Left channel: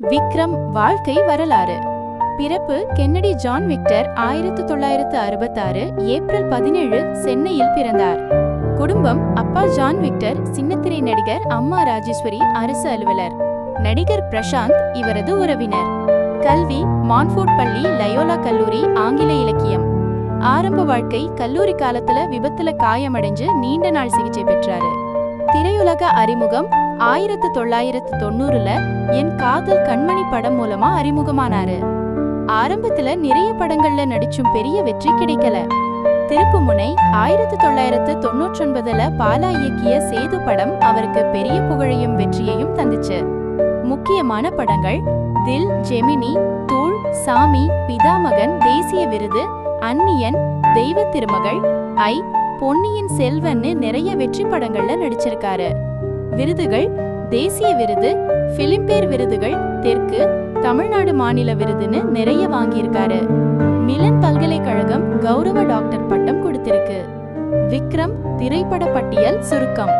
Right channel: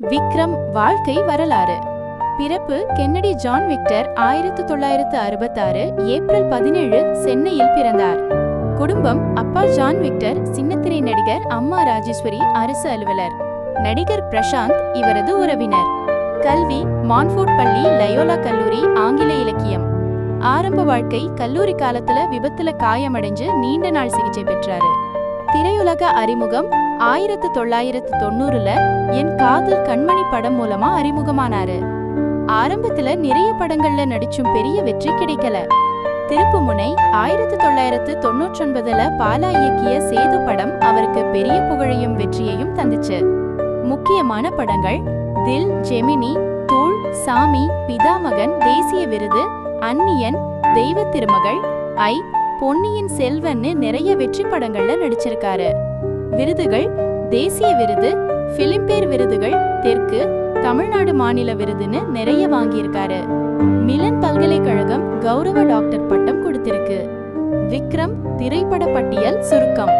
விக்ரம் வாழ்க்கை வரலாறு. பிறப்பு கென்னடி ஜான் விக்டர் 1966 ஏப்ரல் 17 சென்னையில் பிறந்தார். குடும்பம்: அப்பா ஜான் விக்டர் சின்னத்திரை நடிகர், அம்மா ராஜேஸ்வரி அரசு அலுவலர். நடிகர் பிரசாந்த் இவரது உறவினர். கல்வி: மான்ஃபோர்ட் பள்ளி, லயோலா கல்லூரி, ஆங்கில இலக்கியம். ஆரம்ப வாழ்க்கை: கல்லூரி காலத்துல விபத்துல காயமடைஞ்சு நீண்ட நாள் சிகிச்சை பெற்றாரு. திரையுலக அறிமுகம்: 1990ல என் காதல் கண்மணி படம் மூலமா அறிமுகமானாரு. ஆரம்பத்துல நிறைய படங்கள்ல நடிச்சும் பெரிய வெற்றி கிடைக்கல. திருப்புமுனை: 1999ல பாலா இயக்கிய சேது படம் அவருக்கு பெரிய புகழையும் வெற்றியையும் தந்துச்சு. முக்கியமான படங்கள்: தில், ஜெமினி, தூள், சாமி, பிதாமகன், தேசிய விருது, அந்நியன், தெய்வ திருமகள், ஐ, பொன்னியின் செல்வன்னு நிறைய வெற்றி படங்கள்ல நடிச்சிருக்காரு. விருதுகள்: தேசிய விருது, பிலிம்பேர் விருதுகள், தெற்கு, தமிழ்நாடு மாநில விருதுன்னு நிறைய வாங்கியிருக்காரு. மிலன் பல்கலைக்கழகம் கௌரவ டாக்டர் பட்டம் கொடுத்திருக்கு. விக்ரம் திரைப்பட பட்டியல் சுருக்கம்.